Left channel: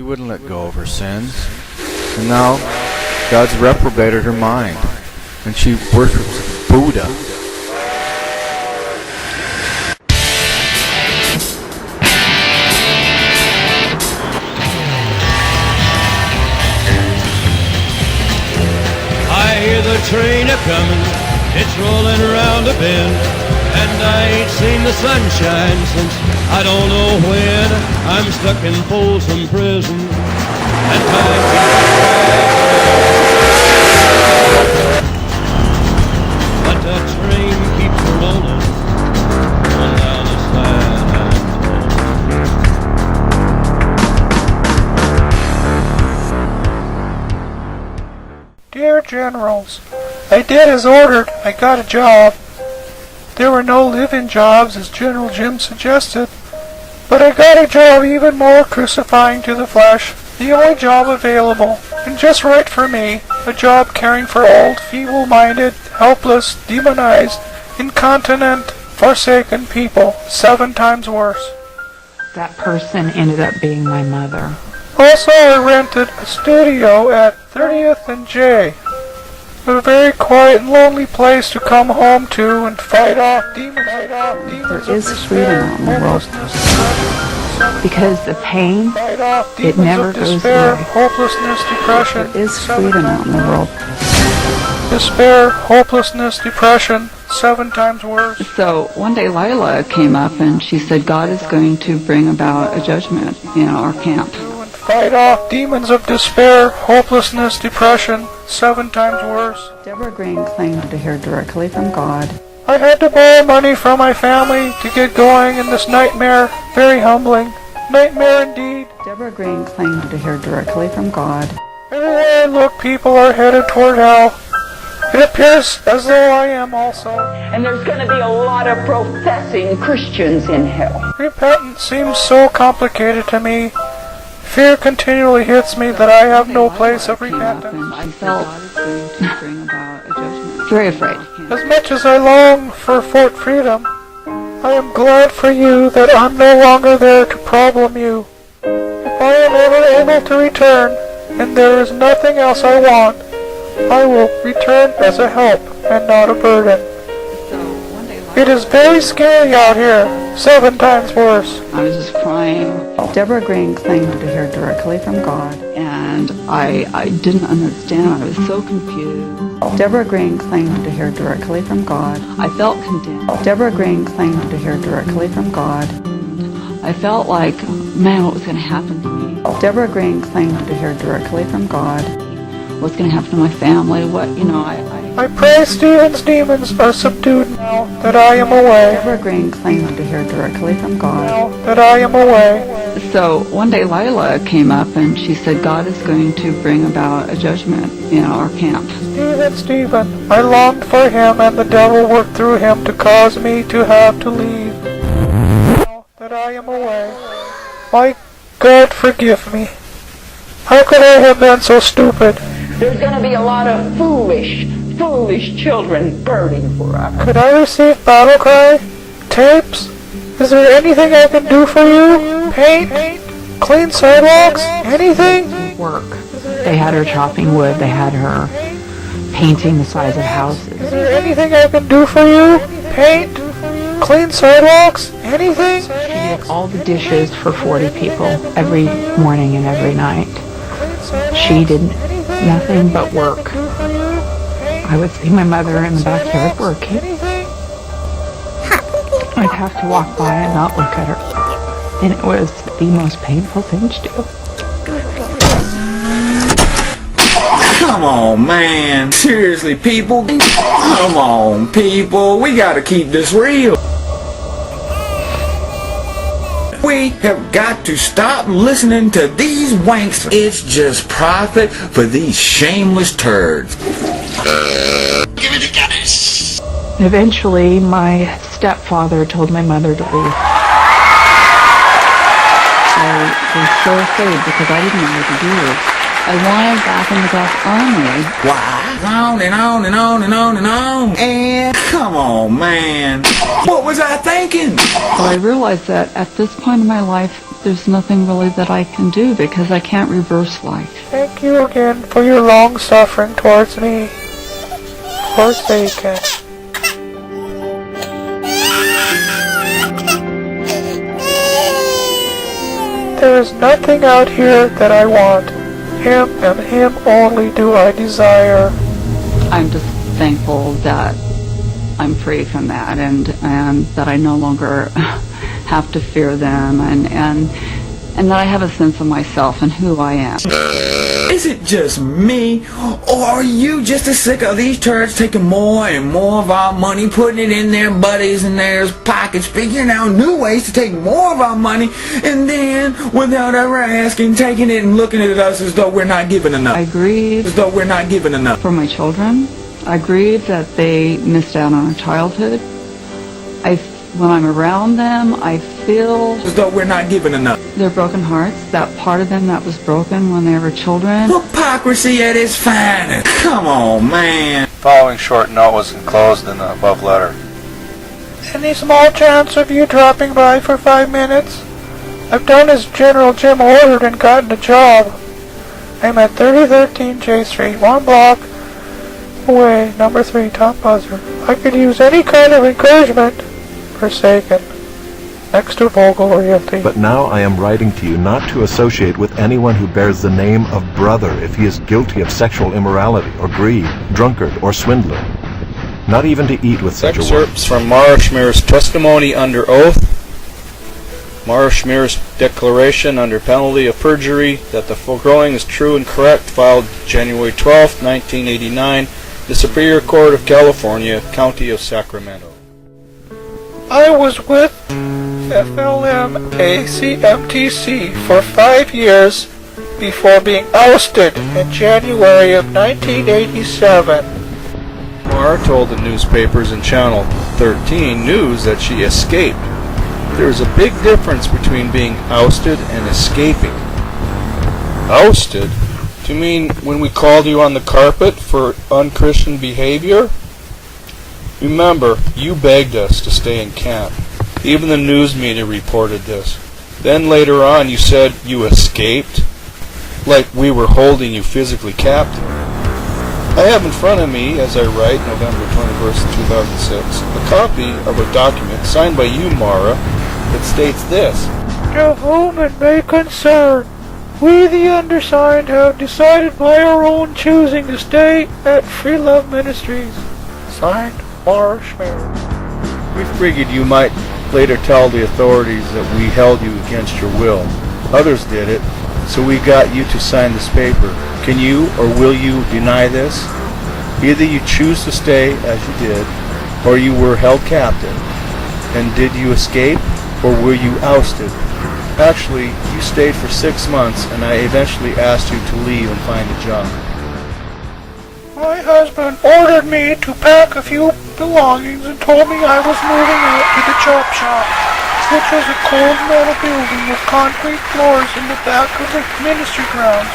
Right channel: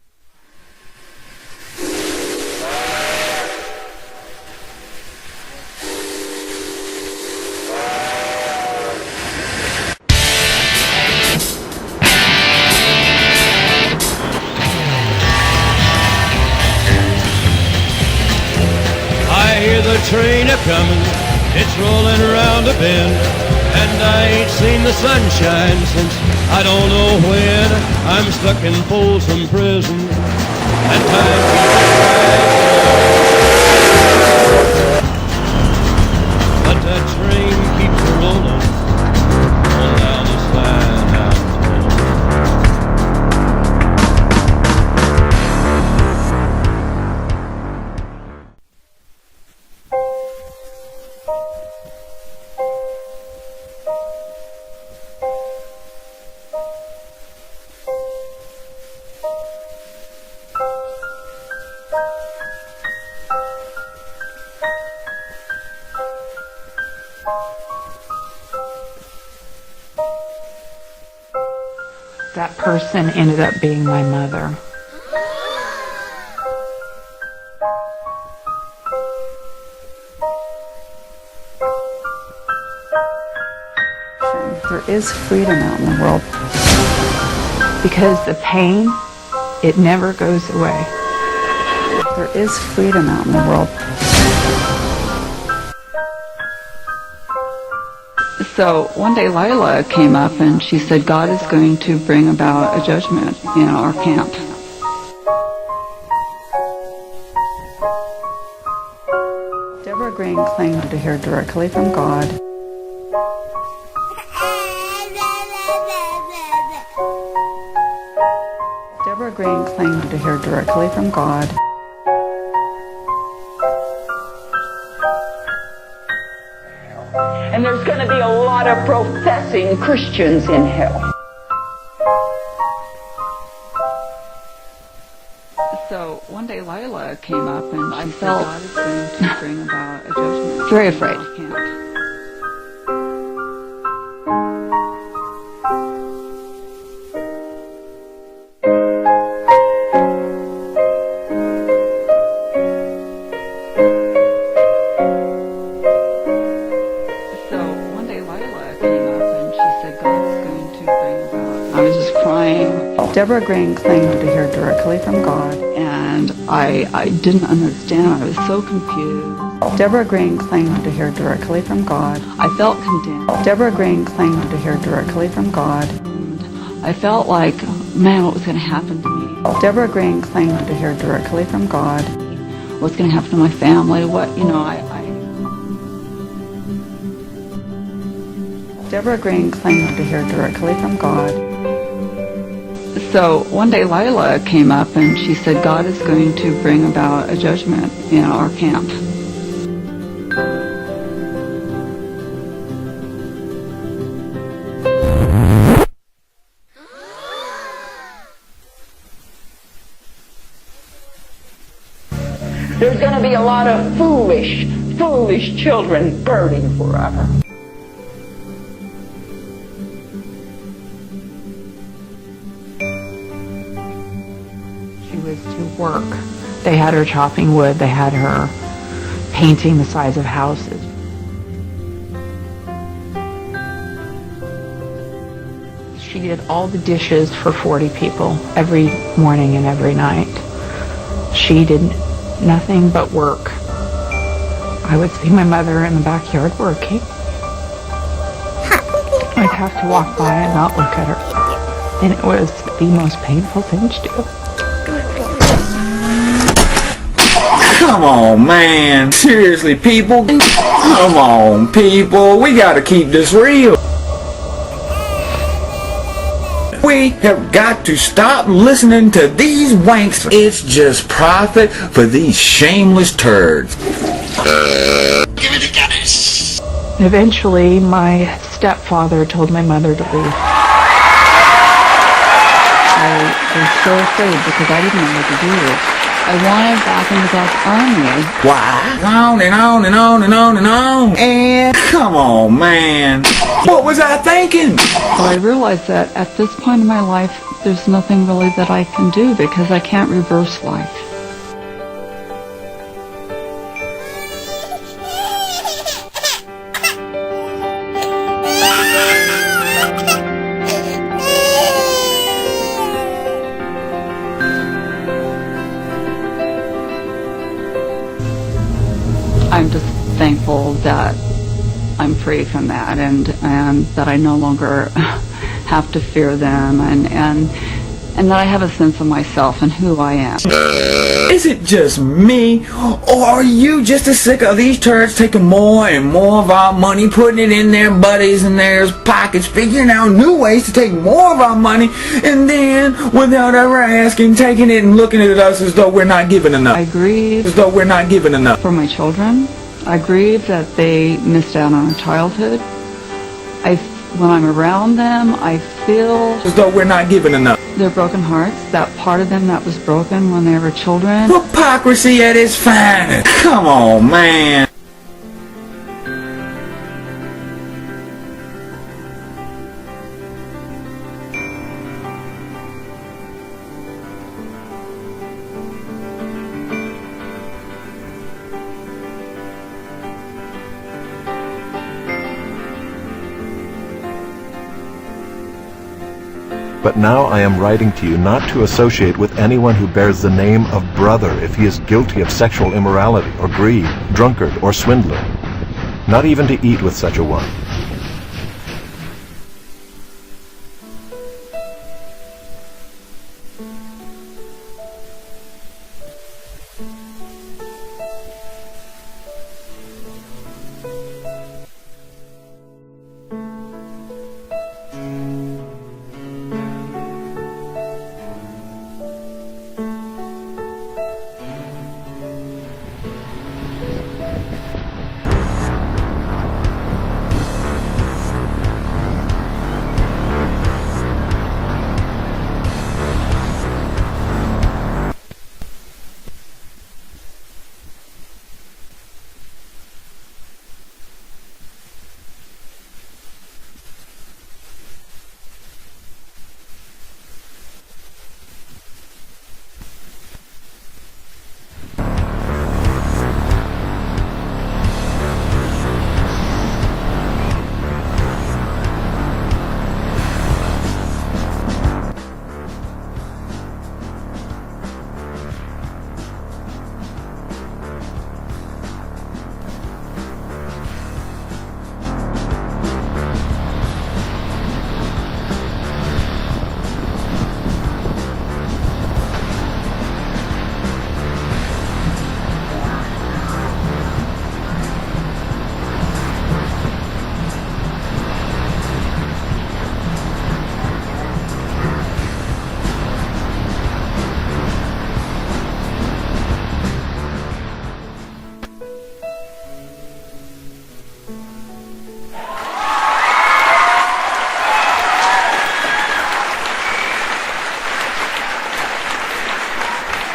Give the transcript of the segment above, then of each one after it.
She wouldn't let go of her sins. And now, God's reprobated her mind, and she worships Buddha. I hear the train a-comin', it's rolling around a bend, and I ain't seen the sunshine since I don't know when. I'm stuck in Folsom Prison, and time keeps dragging. But that train keeps rolling on down the San Antonio. Dear Generals, I did as ordered. I got a job. There were no live-in jobs, as General Jim suggested, but I got a job even more crucifying to the flesh, the only job available, and just right for me, a job caring for old, feeble-minded, helpless, demonized, incontinent, forsaken people, 7 times worse. That person ended up being my mother. Also, I rented a studio at 30th and J. A very quiet and lonely place to come home to and fight off demons. There is freedom out in the world. Because the pain, it never goes away. Hopelessness, depression. There is freedom out in the world. Despair, hopelessness, depression, 7 times worse. So one day Lila came up and she said, God is going to bring about a judgment in our camp. Fight off demons of despair, hopelessness, depression, 7 times worse. Deborah Green claimed to hear directly from God. I had to borrow money from my family to get going in this nightmare. Very humbling. Nightmare indeed. Deborah Green claimed to hear directly from God. Everywhere I look, people are headed toward hell. It appears as though I am also. And there's going to be a lot of professing Christians in hell. Repentance seems so complicated to me. Fear continually hits me that I have no place of repentance. I felt God is going to bring about a judgment. Very afraid. As much as I long for Fort Freedom, I am glad for you that I'm no longer there to problem you. I am ever able to return, and there is nothing else I want. I will return as a help and not a burden. It is very scary out here, 7 times worse. I was just crying. Deborah Green claimed to hear directly from God, and I didn't understand. I was so confused. Deborah Green claimed to hear directly from God. I felt condemned. Deborah Green claimed to hear directly from God. I felt like, man, what was going to happen to me? Deborah Green claimed to hear directly from God. What's going to happen to my family? I pray Stephen's demons are subdued now that I am away. Deborah Green claimed to hear directly from God. Now that I am away. So one day Lila came up and she said, God is going to bring about a judgment in our camp. Stephen, I longed for him, and the devil worked through him to cause me to have to leave. Now that I am away. My God, forgive me. How could I have been so stupid? There's going to be a lot of foolish children burning for us. Could I receive battle cry? Tapes? Is there anything I can do for you? Paint? Clean sidewalks? Anything? Work. They had her chopping wood. They had her painting the sides of houses. Is there anything I can do for you? Paint? Clean sidewalks? Anything? She did all the dishes for 40 people every morning and every night. She did nothing but work. I would see my mother in the backyard working. I'd have to walk by and not look at her. And it was the most painful thing to do. Come on, man. Seriously, people. Come on, people. We gotta keep this real. We have got to stop listening to these wanks. It's just profit for these shameless turds. Give me the guys. Eventually, my stepfather told my mother to leave. I was so afraid because I didn't know what to do. I wanted back in the God's army. Why? On and on and on and on and on. And come on, man. What was I thinking? But I realized that at this point in my life, there's nothing really that I can do because I can't reverse life. Thank you again for your long suffering towards me. Forsaken. There is nothing out here that I want. Him and him only do I desire. I'm just thankful that I'm free from that and that I no longer have to fear them and that I have a sense of myself and who I am. Is it just me, or are you just as sick of these turds taking more and more of our money, putting it in their buddies and their pockets, figuring out new ways to take more of our money, and then, without ever asking, taking it and looking at us as though we're not giving enough? I grieve As though we're not giving enough. for my children. I grieve that they missed out on a childhood. When I'm around them, I feel As though we're not giving enough. their broken hearts, that part of them that was broken when they were children. Hypocrisy at its finest. Come on, man. The following short note was enclosed in the above letter. Any small chance of you dropping by for 5 minutes? I've done as General Jim ordered and gotten a job. I'm at 3013 J Street, 1 block away, number 3, top buzzer. I could use any kind of encouragement. Forsaken. Next to Vogel Realty. But now I am writing to you not to associate with anyone who bears the name of brother if he is guilty of sexual immorality or greed, drunkard, or swindler. Not even to eat with such a one. Excerpts from Mara Schmear's testimony under oath. Mara Schmear's declaration under penalty of perjury that the foregoing is true and correct, filed January 12, 1989, the Superior Court of California, County of Sacramento. I was with FLM-ACMTC for 5 years before being ousted in January of 1987. Mara told the newspapers in Channel 13 News that she escaped. There's a big difference between being ousted and escaping. Ousted? Do you mean when we called you on the carpet for unchristian behavior? Remember, you begged us to stay in camp. Even the news media reported this. Then later on you said you escaped, like we were holding you physically captive. I have in front of me, as I write November 21st, 2006, a copy of a document signed by you, Mara, that states this. To whom it may concern, we the undersigned have decided by our own choosing to stay at Free Love Ministries. Signed, Mara Schmear. We figured you might later tell the authorities that we held you against your will. Others did it, so we got you to sign this paper. Can you or will you deny this? Either you choose to stay as you did, or you were held captive. And did you escape, or were you ousted? Actually, you stayed for 6 months, and I eventually asked you to leave and find a job. My husband ordered me to pack a few belongings and told me I was moving out to the chop shop, which was a cold metal building with concrete floors in the back of the ministry grounds.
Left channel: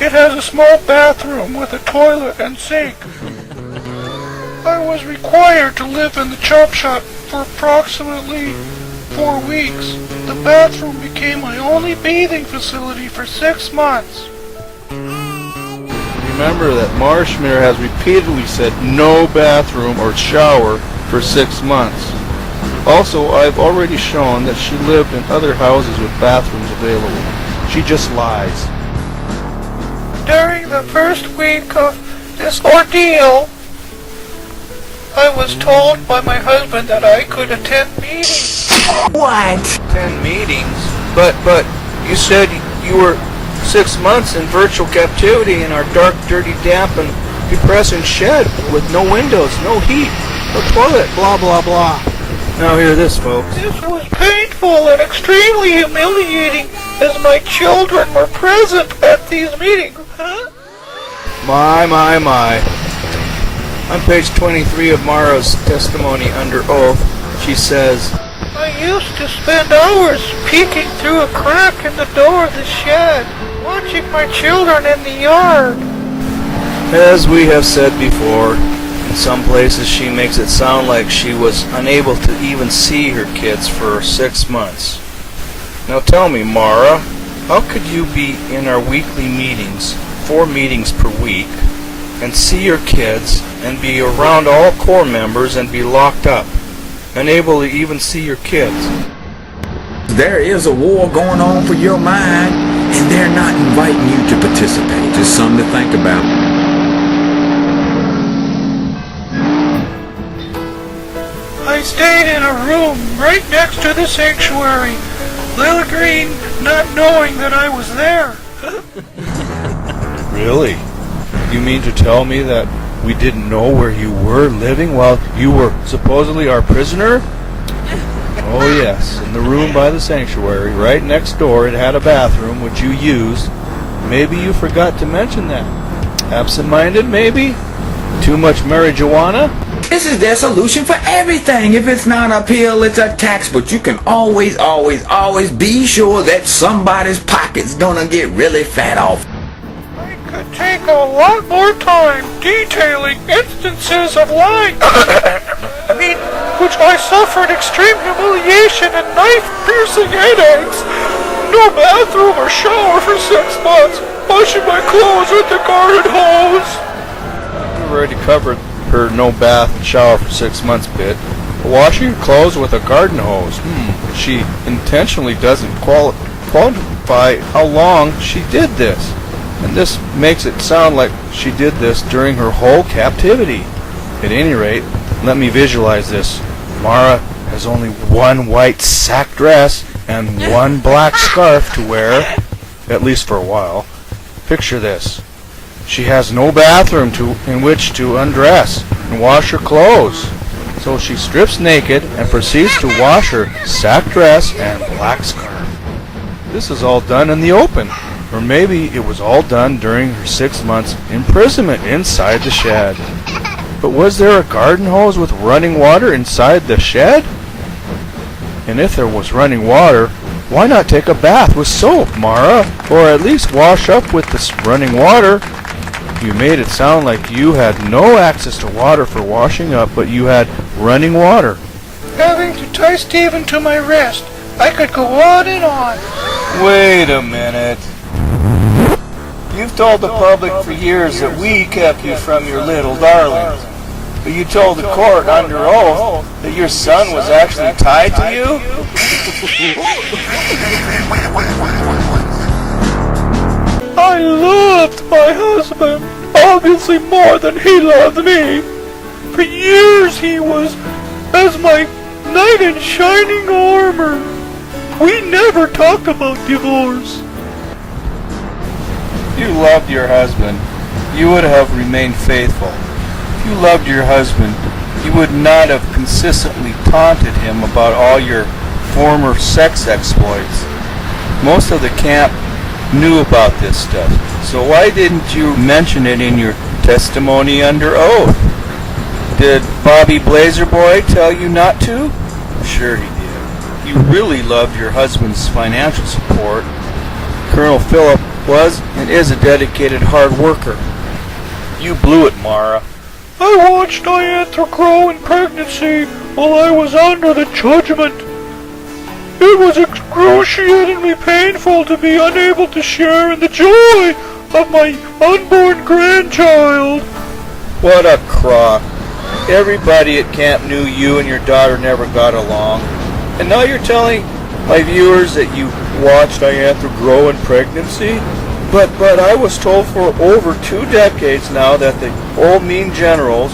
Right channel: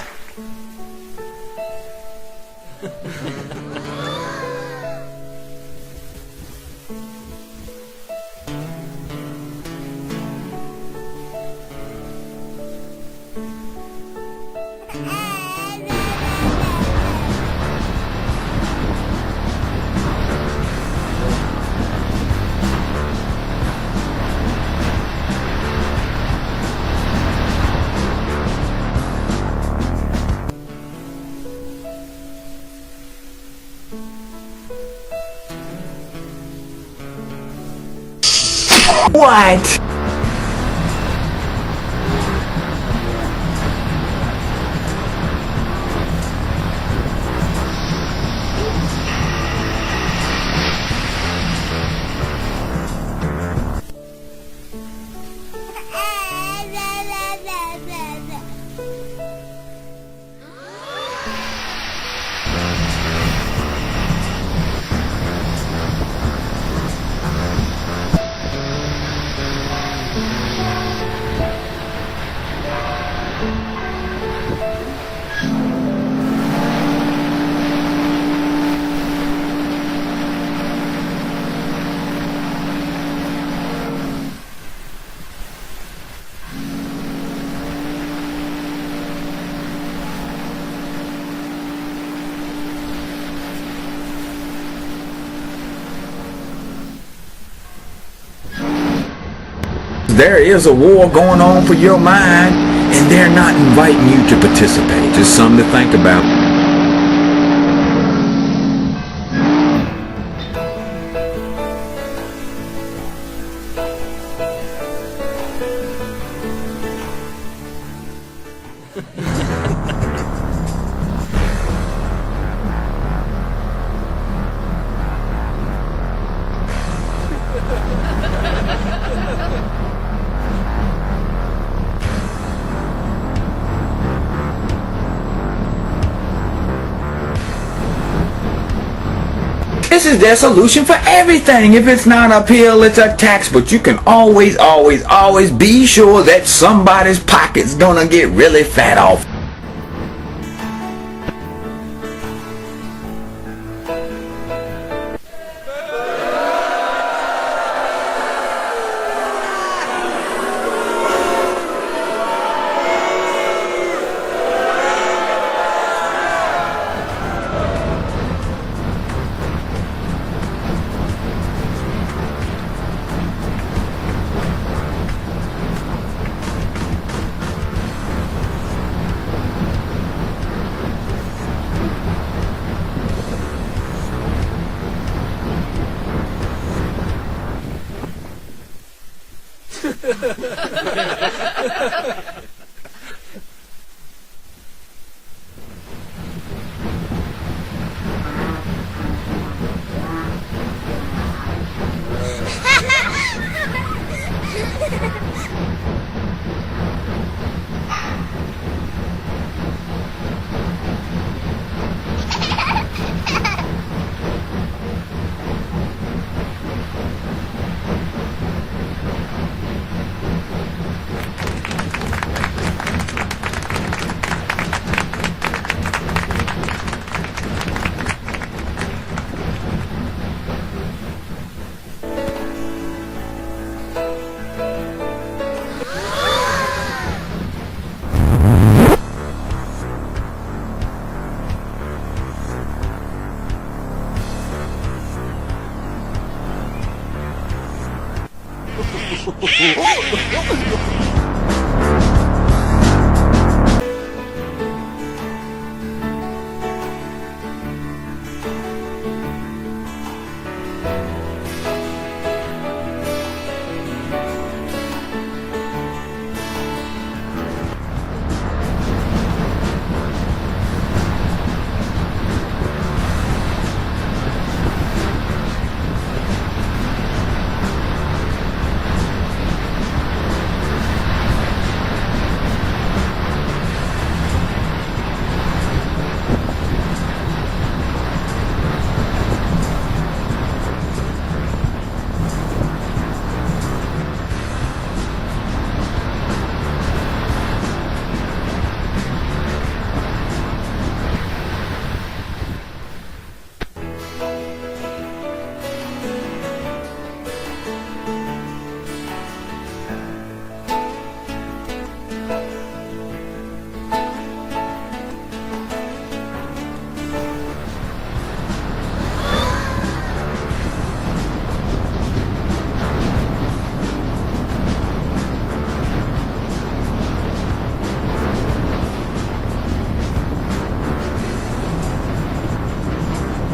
It has a small bathroom with a toilet and sink. I was required to live in the chop shop for approximately 4 weeks. The bathroom became my only bathing facility for 6 months. Remember that Mara Schmear has repeatedly said no bathroom or shower for 6 months. Also, I've already shown that she lived in other houses with bathrooms available. She just lies. During the first week of this ordeal, I was told by my husband that I could attend meetings. What? Attend meetings? But you said you were 6 months in virtual captivity in our dark, dirty, damp, and depressing shed with no windows, no heat, no toilet, blah, blah, blah. Now hear this, folks. This was painful and extremely humiliating as my children were present at these meetings. Huh? My. On page 23 of Mara's testimony under oath, she says, I used to spend hours peeking through a crack in the door of the shed, watching my children in the yard. As we have said before, in some places she makes it sound like she was unable to even see her kids for 6 months. Now tell me, Mara, how could you be in our weekly meetings, 4 meetings per week, and see your kids and be around all core members and be locked up, unable to even see your kids? There is a war going on for your mind, and they're not inviting you to participate. Just something to think about. I stayed in a room right next to the sanctuary. Lil Green not knowing that I was there. Really? You mean to tell me that we didn't know where you were living while you were supposedly our prisoner? Oh yes, in the room by the sanctuary, right next door, it had a bathroom which you used. Maybe you forgot to mention that. Absent-minded, maybe? Too much marijuana? This is their solution for everything. If it's not a pill, it's a tax. But you can always be sure that somebody's pocket's gonna get really fat off. It could take a lot more time detailing instances of lying. Which I suffered extreme humiliation and knife-piercing headaches. No bathroom or shower for 6 months. Washing my clothes with the garden hose. I've already covered her no bath and shower for 6 months bit. Washing clothes with a garden hose. She intentionally doesn't qualify how long she did this. And this makes it sound like she did this during her whole captivity. At any rate, let me visualize this. Mara has only one white sack dress and one black scarf to wear, at least for a while. Picture this. She has no bathroom in which to undress and wash her clothes. So she strips naked and proceeds to wash her sack dress and black scarf. This is all done in the open. Or maybe it was all done during her 6 months imprisonment inside the shed. But was there a garden hose with running water inside the shed? And if there was running water, why not take a bath with soap, Mara? Or at least wash up with this running water? You made it sound like you had no access to water for washing up, but you had running water. Having to tie Stephen to my wrist. I could go on and on. Wait a minute. You've told the public for years that we kept you from your little darlings. But you told the court under oath that your son was actually tied to you? I loved my husband, obviously more than he loved me. For years he was as my knight in shining armor. We never talked about divorce. You loved your husband. You would have remained faithful. You loved your husband. You would not have consistently taunted him about all your former sex exploits. Most of the camp knew about this stuff. So why didn't you mention it in your testimony under oath? Did Bobby Blazerboy tell you not to? Sure he did. You really loved your husband's financial support. Colonel Phillip was and is a dedicated hard worker. You blew it, Mara. I watched Diantha grow in pregnancy while I was under the judgment. It was excruciatingly painful to be unable to share in the joy of my unborn grandchild. What a crock. Everybody at camp knew you and your daughter never got along. And now you're telling my viewers that you watched Diantha grow in pregnancy? But I was told for over 2 decades now that the old mean generals,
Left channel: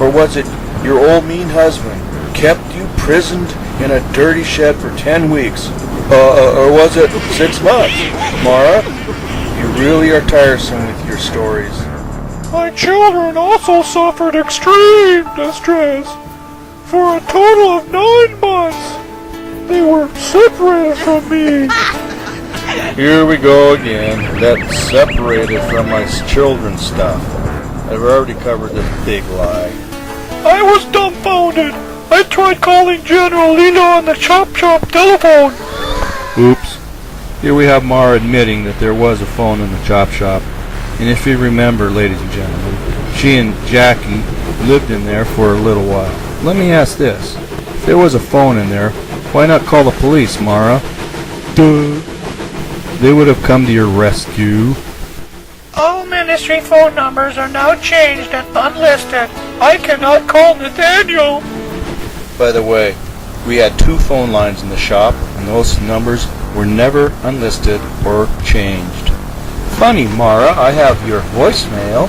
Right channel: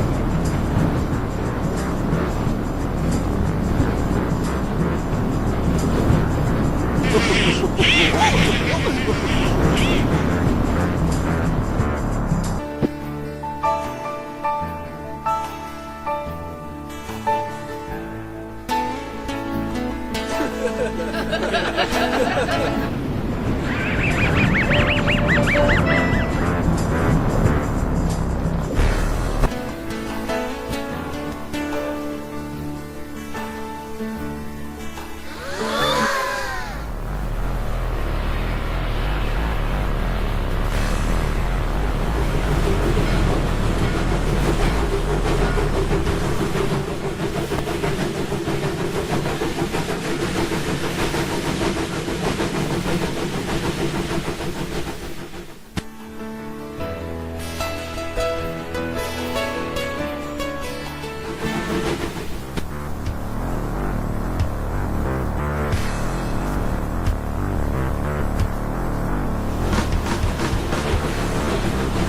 or was it your old mean husband, kept you prisoned in a dirty shed for 10 weeks. Or was it 6 months? Mara, you really are tiresome with your stories. My children also suffered extreme distress. For a total of 9 months, they were separated from me. Here we go again. That separated from my children stuff. I've already covered this big lie. I was dumbfounded. I tried calling General Lila on the Chop Chop telephone. Oops. Here we have Mara admitting that there was a phone in the chop shop. And if you remember, ladies and gentlemen, she and Jackie lived in there for a little while. Let me ask this. If there was a phone in there, why not call the police, Mara? Duh. They would have come to your rescue. All ministry phone numbers are now changed and unlisted. I cannot call Nathaniel. By the way, we had 2 phone lines in the shop, and those numbers were never unlisted or changed. Funny, Mara, I have your voicemail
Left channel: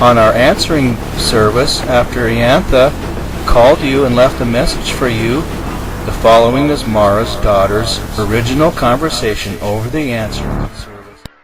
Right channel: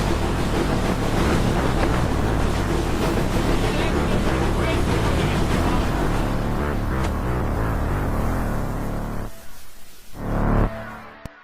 on our answering service after Iantha called you and left a message for you. The following is Mara's daughter's original conversation over the answering service.